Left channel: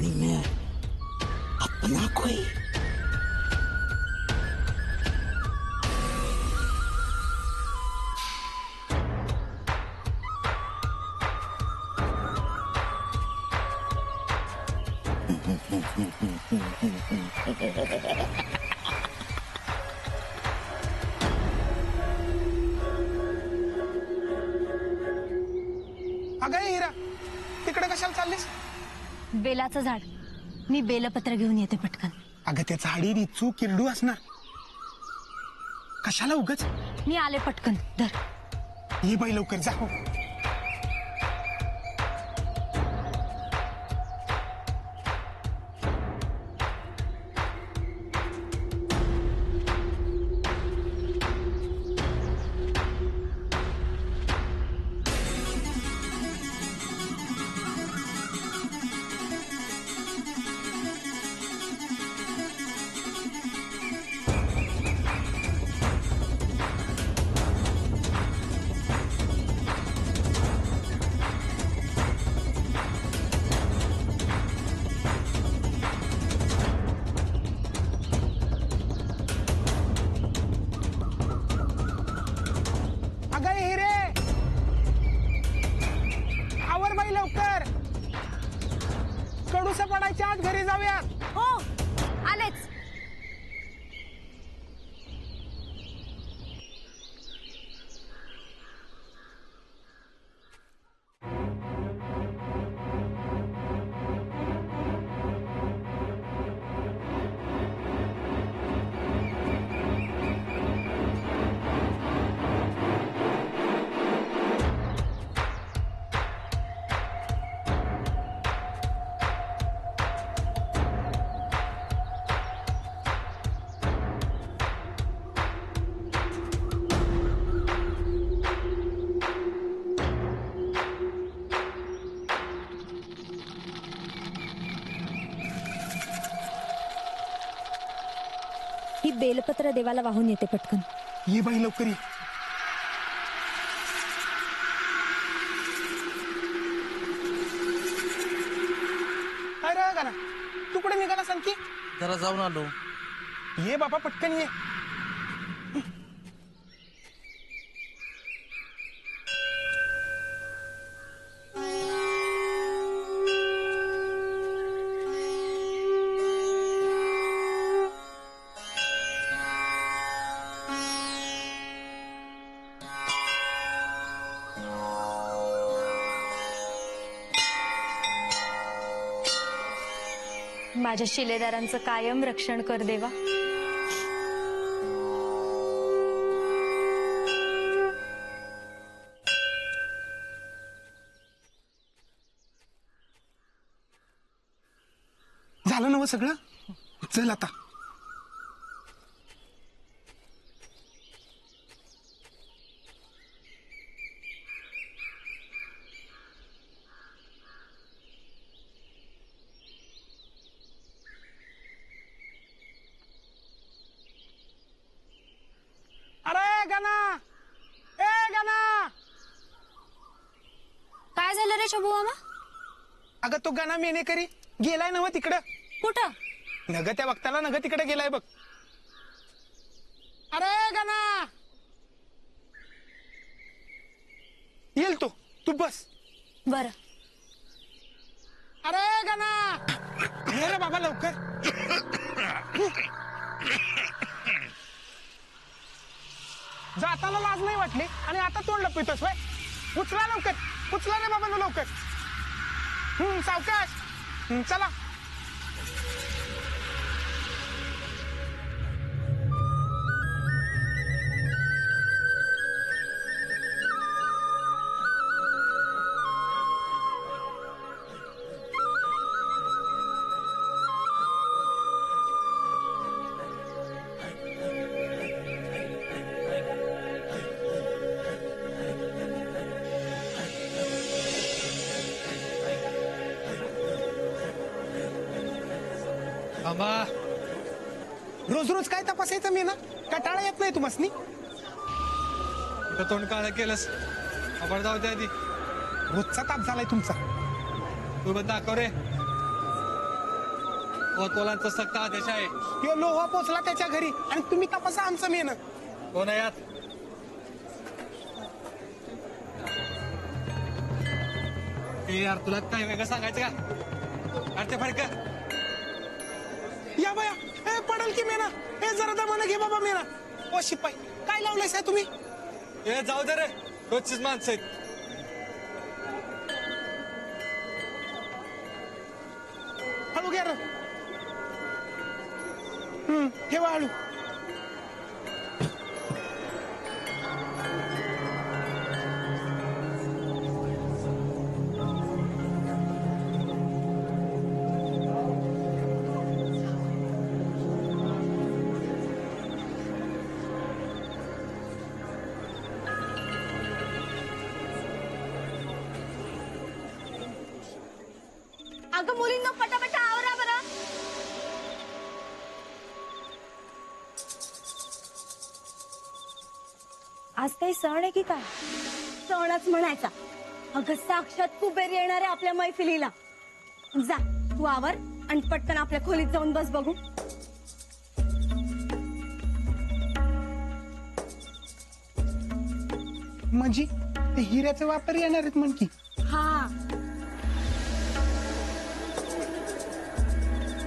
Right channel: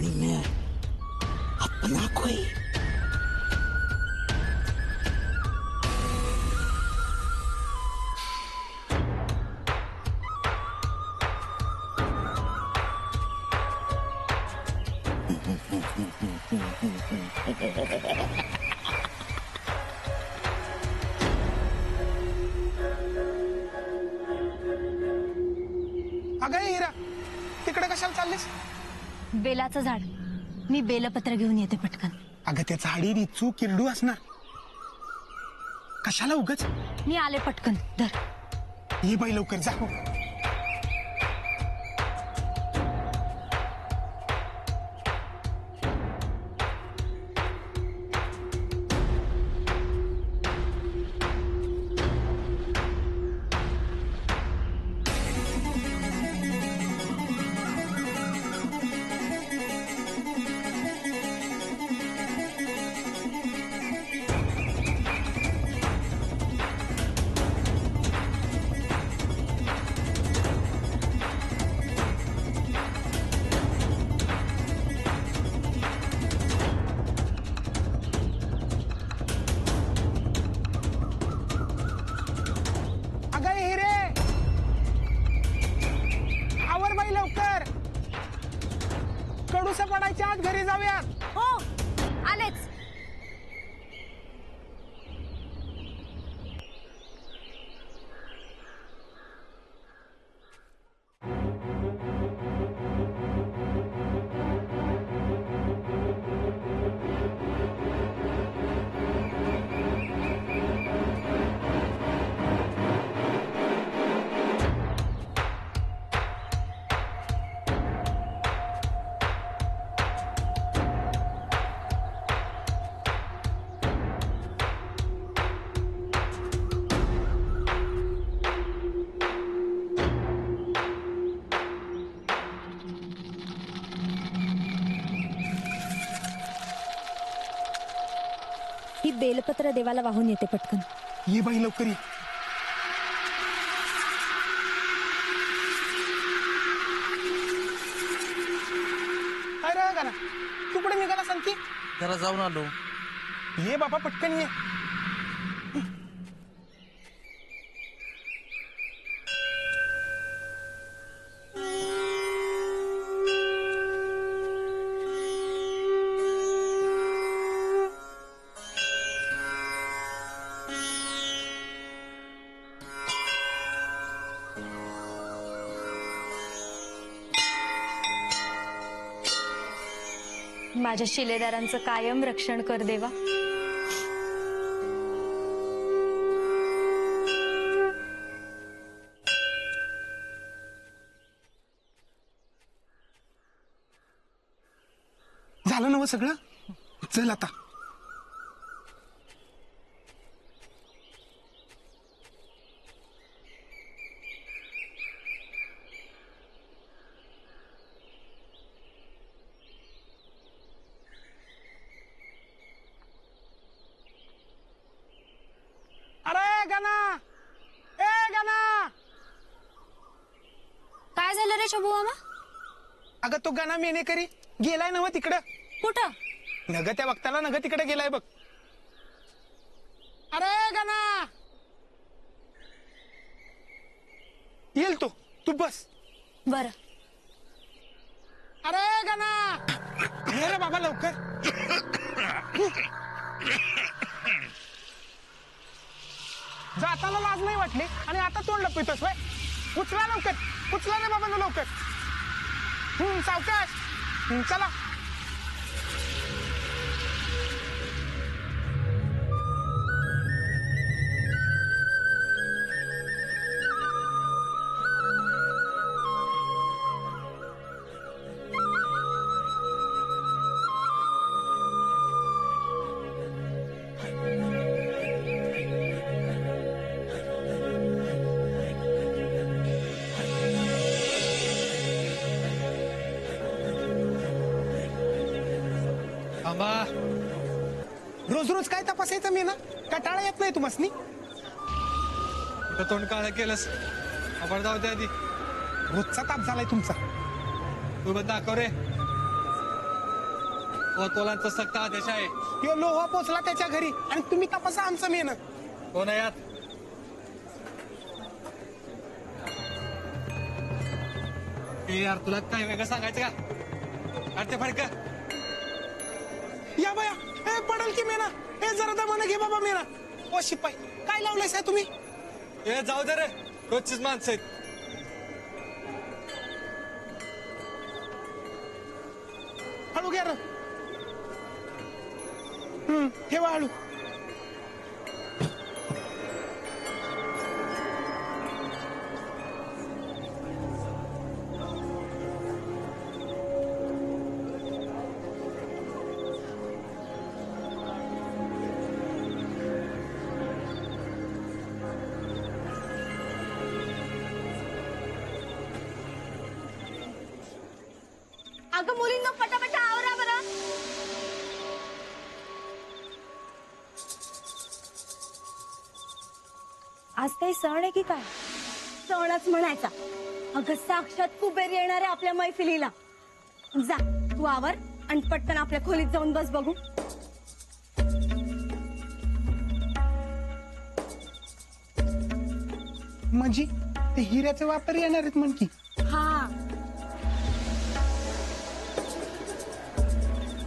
आणि मैं अपना कोई अगं हिरा तिकडे कशाला चाललीस? बेलाचं झाड. मी बेलपत्र घेऊन येते पटकन. अगं त्या झाडी रिचू किरडू असणार. कशाला उगच? मी आले पटकन. धर. ये बाई लवकर जा. अगं हिरे आवर बाई लवकर. कडूस पडायच्या आत घरी जाऊयात. हो आलेच. ही बेलपत्र देवाला वाहून येते पटकन. ये बाई लवकर ये. अरे गाना तू कुठे निघाला सांग की? जरा जाऊन आलो. ये बाबा पटकन ये. माझ्या शिलेदारांचं कायम रक्षण कर देवा. झालं ना व सगळं? चल आता. अरे गाना ए गाना. काय झालं रे शंभू मामा? अगं तो गाना मेने करी गेलाय ना व तिकडं. कुठं? नग त्या वक्ताला नग तिकडे गेलाय बघ. अरे गाना येईल तो. तू बस. बर. अरे गाना ये रे बाबा लवकर. जाताना लाज नाही वाटली आणि आता तोंड लपितोस वय. उचला लवकर. उचला रे बाबा लवकर. सावकाश. चला. आंबा रोज रोज काय तपासायचं मी ना? कटाळा येत नाही तुम्हासनी? कुठं तोंड काळं केलंस? आपण जाऊ दे आधी. रोजचा ताप झालाय तुमचा. तू बघ दाखव रे. कोतवालांचा सक्त आदेश आहे. यो लोहा पोचला त्याच्या घरी आणि तुम्ही तपासा आमचं मेन. कोण आहे यात? ए यार, तुला काय वेगळं सांगायचं का? अरे ते फडक. या बाया, ए पडल की मेना. ए जरा दमानं घे बाबा मेना. ओ शिपाई, काय लावलंय साहेब तुम्ही? ए जाऊ दे रे, रोजचीच माणसं आहेत. हळू घ्या. ठेवा हळू. अगं मुलींना पटापटा आवरा बरं. आज काही सण आहे की काय? सणच म्हणायचा. अगं साक्षात कुबेर येणार आहे आपल्या मैफिलीला. जा तू आवर आणि पटकन आपल्या खोलीत जाऊन बस बघू. म्हणजे ते हिऱ्याचे वापर येणार आहेत म्हण की. हा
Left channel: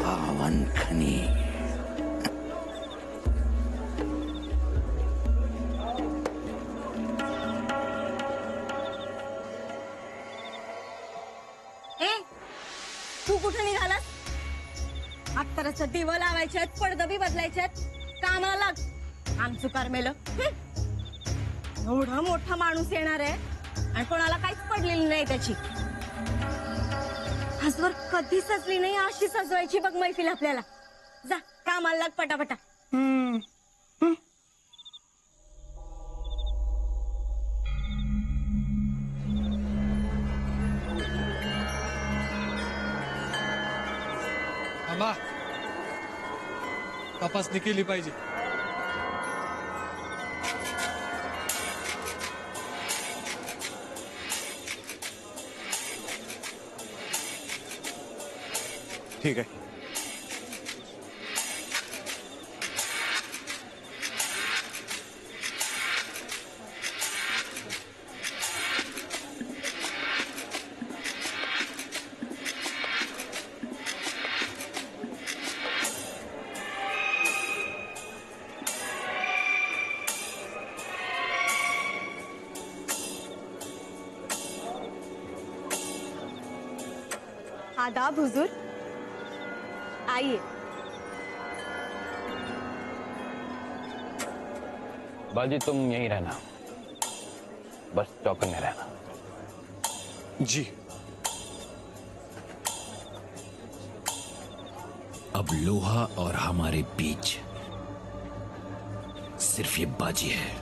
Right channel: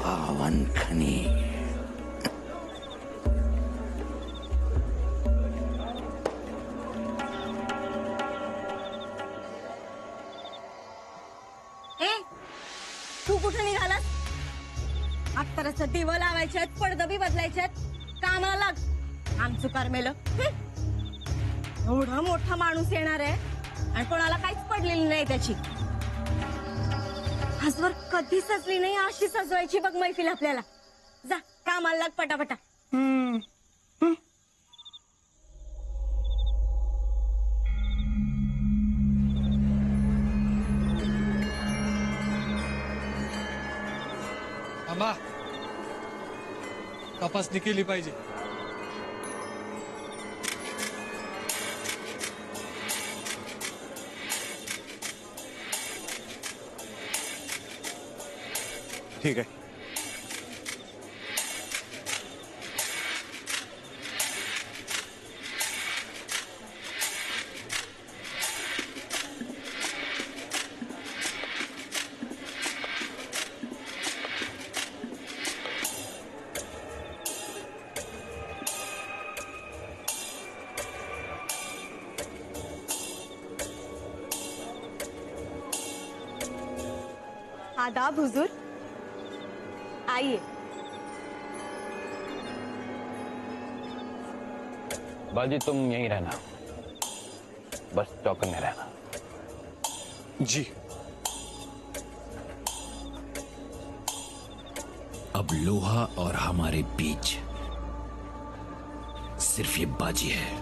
पावन खनी. ए तू कुठे निघालास? अत्तराचं दिवं लावायचे आहेत, पडदं बी बदलायचे आहेत. कामाला लाग. आमचं करमेलं. एवढा मोठा माणूस येणार आहे आणि कोणाला काहीच पडलेली नाही त्याची. आजवर कधी सजली नाही अशी सजवायची बघ मैफिल आपल्याला. जा कामाला लाग पटापटा. आम्हा तपासणी केली पाहिजे. ठीक आहे. आदाब हुजूर. आइए. बाजी तुम यहीं रहना, बस चौकन में रहना. जी. अब लोहा और हमारे बीच सिर्फ ये बाजी है.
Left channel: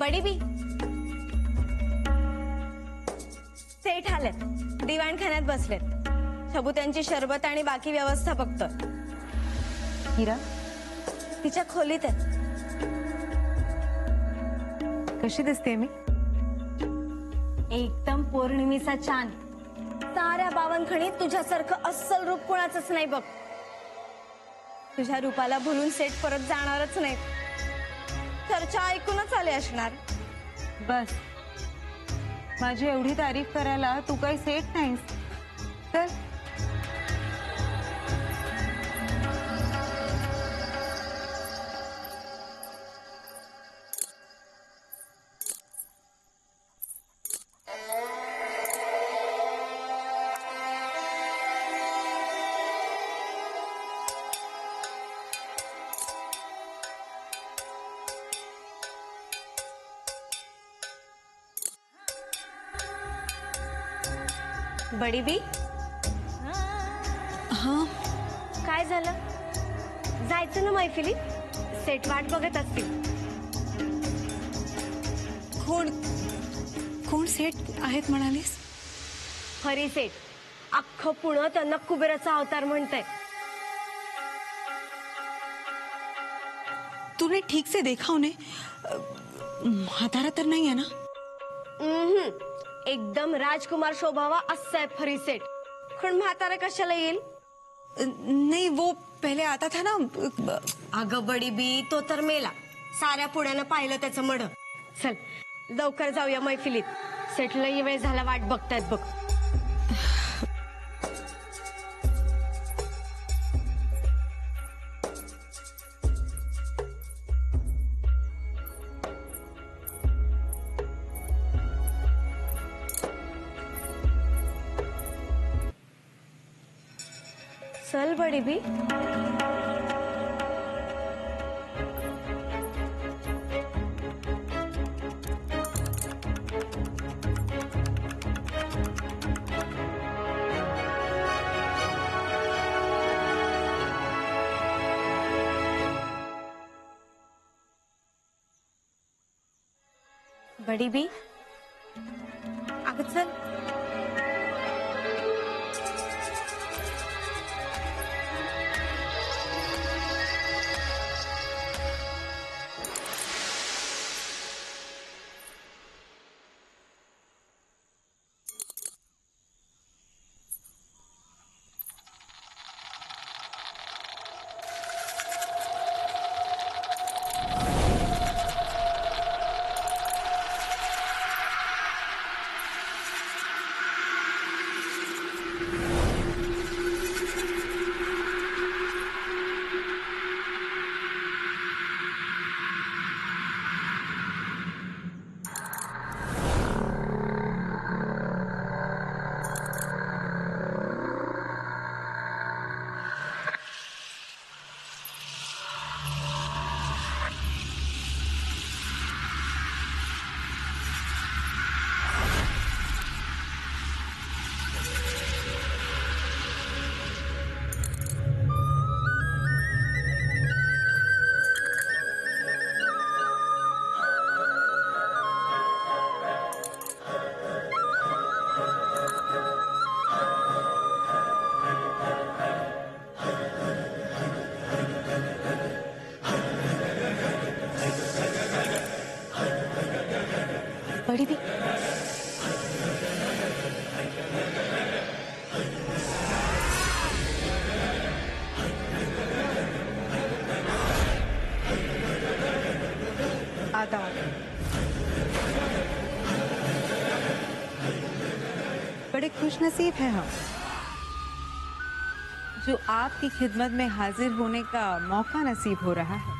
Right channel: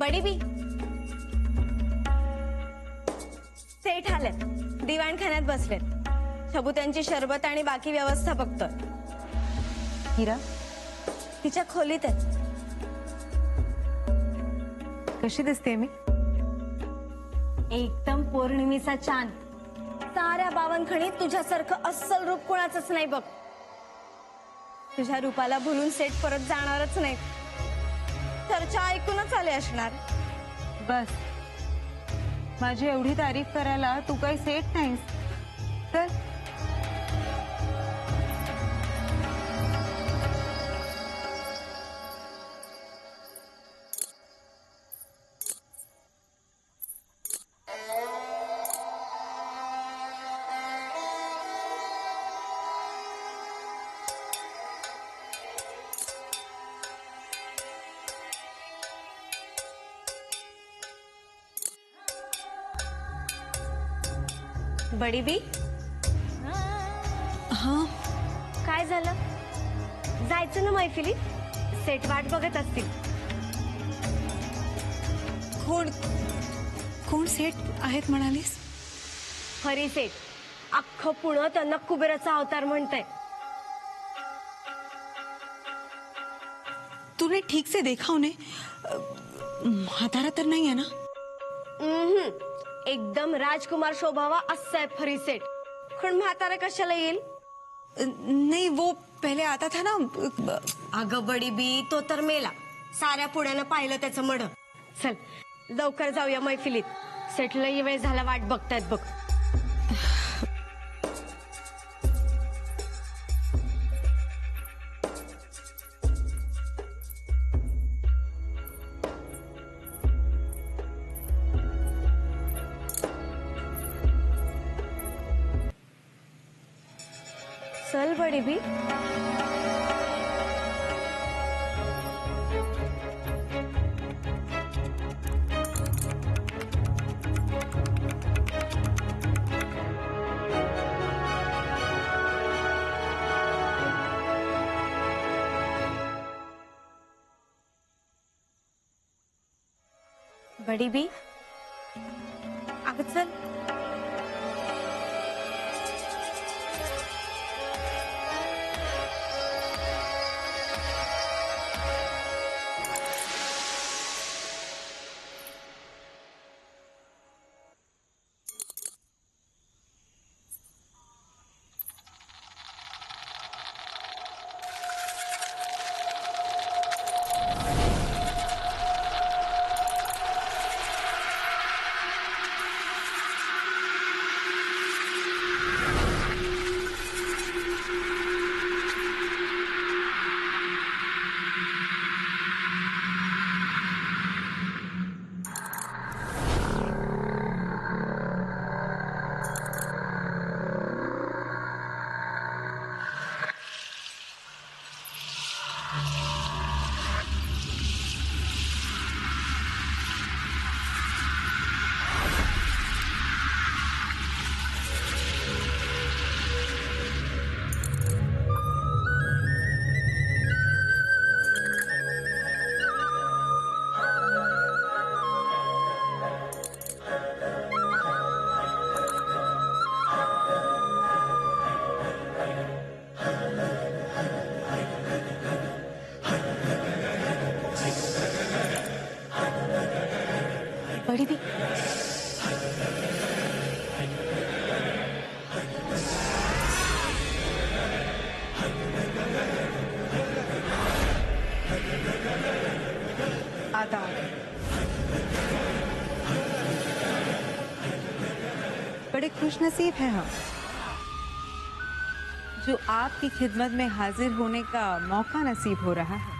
बडी बी सेठ आलेत, दिवाणखान्यात बसलेत. शबू त्यांची शरबत आणि बाकी व्यवस्था बघतोय. हिरा तिच्या खोलीत आहे. कशी दिसते मी? एकदम पौर्णिमेचा चांद. साऱ्या बावनखणीत तुझ्यासारखं अस्सल रूप कोणाचंच नाही बघ. तुझ्या रूपाला भुलून सेठ परत जाणारच नाहीत. चर्चा ऐकूनच आले असणार. बस, माझी एवढी तारीफ करायला तू काही सेठ नाहीस. तर बडी बी हा, काय झालं? जायचं ना मैफिलीत? सेठ वाट बघत असतील. कोण सेठ आहेत म्हणालीस? हरी सेठ. अख्खं पुणं त्यांना कुबेराचा अवतार म्हणतंय. तूने ठीक से देखा उन्हें? म्हातारा तर नाही आहे ना? एकदम राजकुमार शोभावा असं आहे हरी सेठ. पण म्हातारा कशाला येईल? नहीं, वो पहले आता था ना. अगं बडी बी, तो तर मेला. साऱ्या पुण्यानं पाहिलं त्याचं मड. चल लवकर जाऊया मैफिलीत. सेठला वेळ झाला, वाट बघतायत बघ. चल बडी बी. बडी बी, अगं चल. बड़ी भी आदाब। बड़े खुशनसीब हैं हम जो आपकी खिदमत में हाजिर होने का मौका नसीब हो रहा है।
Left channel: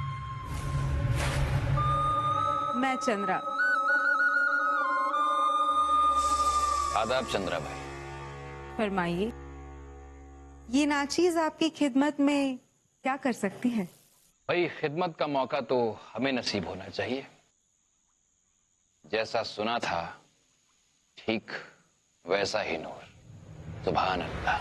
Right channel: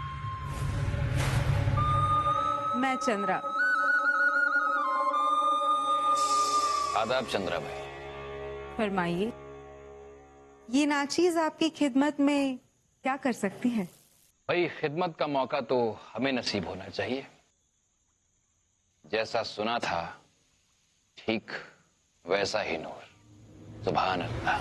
मैं चंद्रा। आदाब चंद्रा भाई। फरमाइए, ये नाचीज आपकी खिदमत में क्या कर सकती है? भाई खिदमत का मौका तो हमें नसीब होना चाहिए। जैसा सुना था ठीक वैसा ही नूर। सुभान अल्लाह।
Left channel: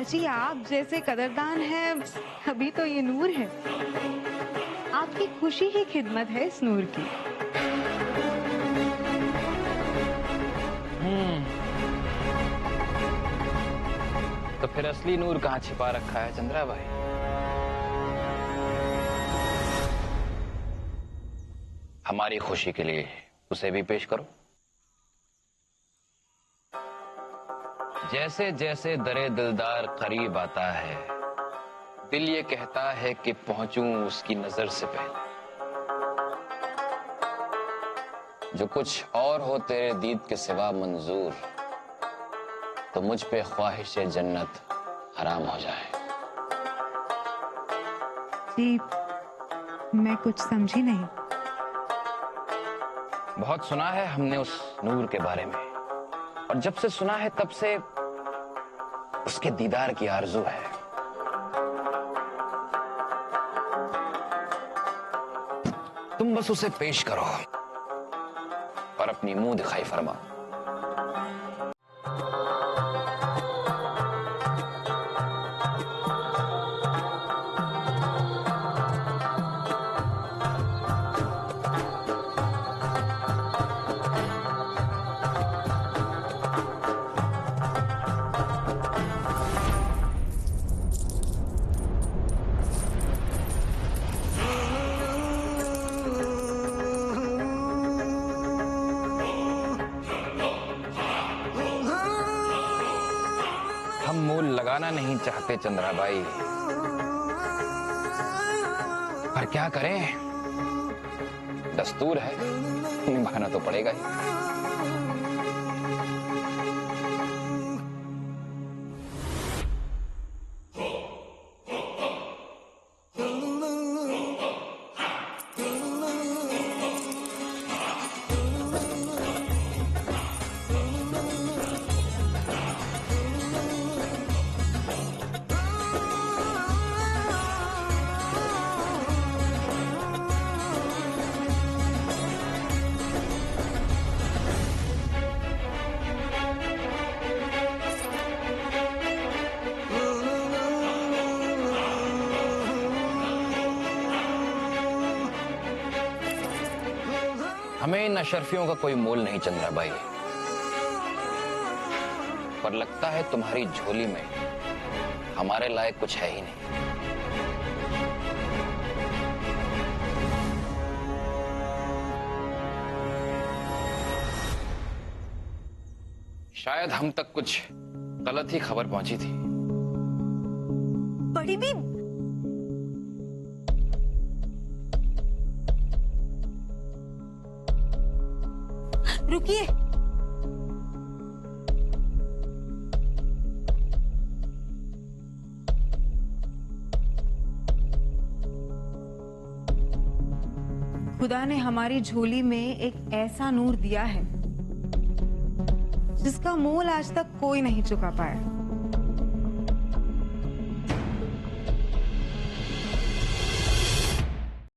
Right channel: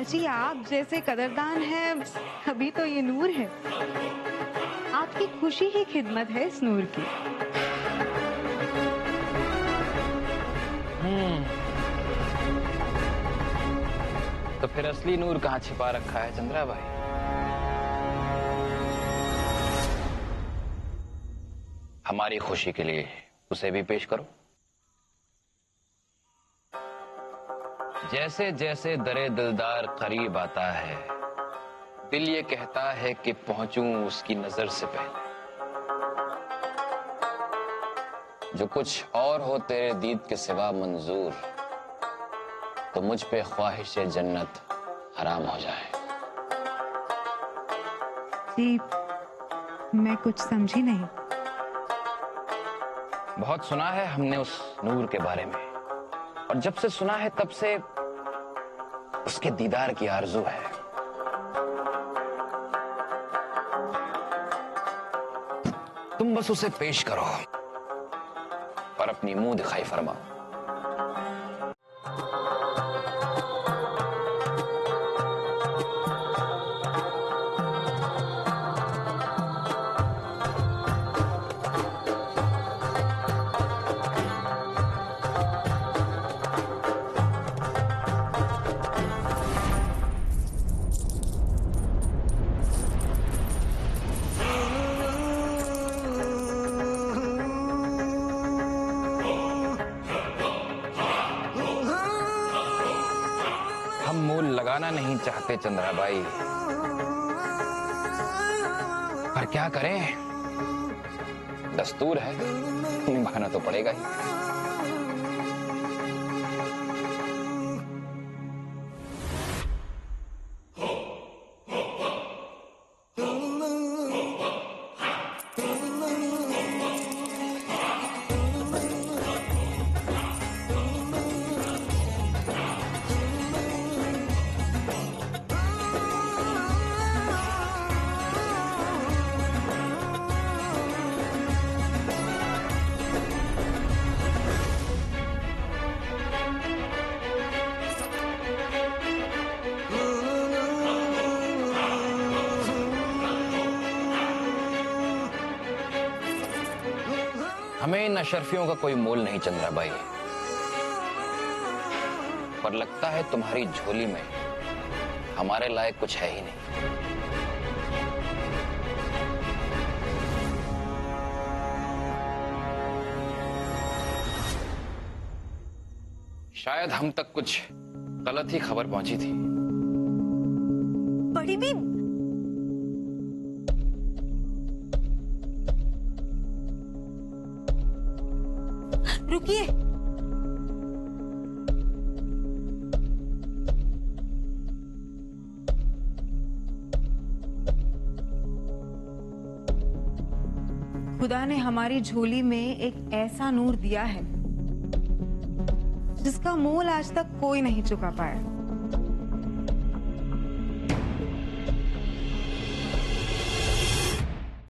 अजी आप जैसे कदरदान है, अभी तो ये नूर है। आपकी खुशी ही खिदमत है इस नूर की। तो फिर असली नूर कहाँ छिपा रखा है चंद्रा भाई? हमारी खुशी के लिए उसे भी पेश करो। जैसे जैसे दरे दिलदार करीब आता है, दिल ये कहता है कि पहुंचूं उसकी नजर से पहले। जो कुछ और हो तेरे दीद के सिवा मंजूर, तो मुझ पे ख्वाहिश जन्नत हराम हो जाए। जी मैं कुछ समझी नहीं। बहुत सुना है हमने उस नूर के बारे में, और जब से सुना है तब से उसके दीदार की आरज़ू है। तुम बस उसे पेश करो और अपनी मुंह दिखाई फरमाओ। हम मूल लगाना नहीं चाहते चंद्राबाई, पर क्या करें, दस्तूर है, निभाना तो पड़ेगा ही। हमें इन अशरफियों का कोई मोल नहीं चंद्राबाई, पर लगता है तुम्हारी झोली में हमारे लायक कुछ है ही नहीं। शायद हम तक कुछ गलत ही खबर पहुंची थी। बड़ी बीब, रुकिए। खुदा ने हमारी झोली में एक ऐसा नूर दिया है जिसका मोल आज तक कोई नहीं चुका पाया।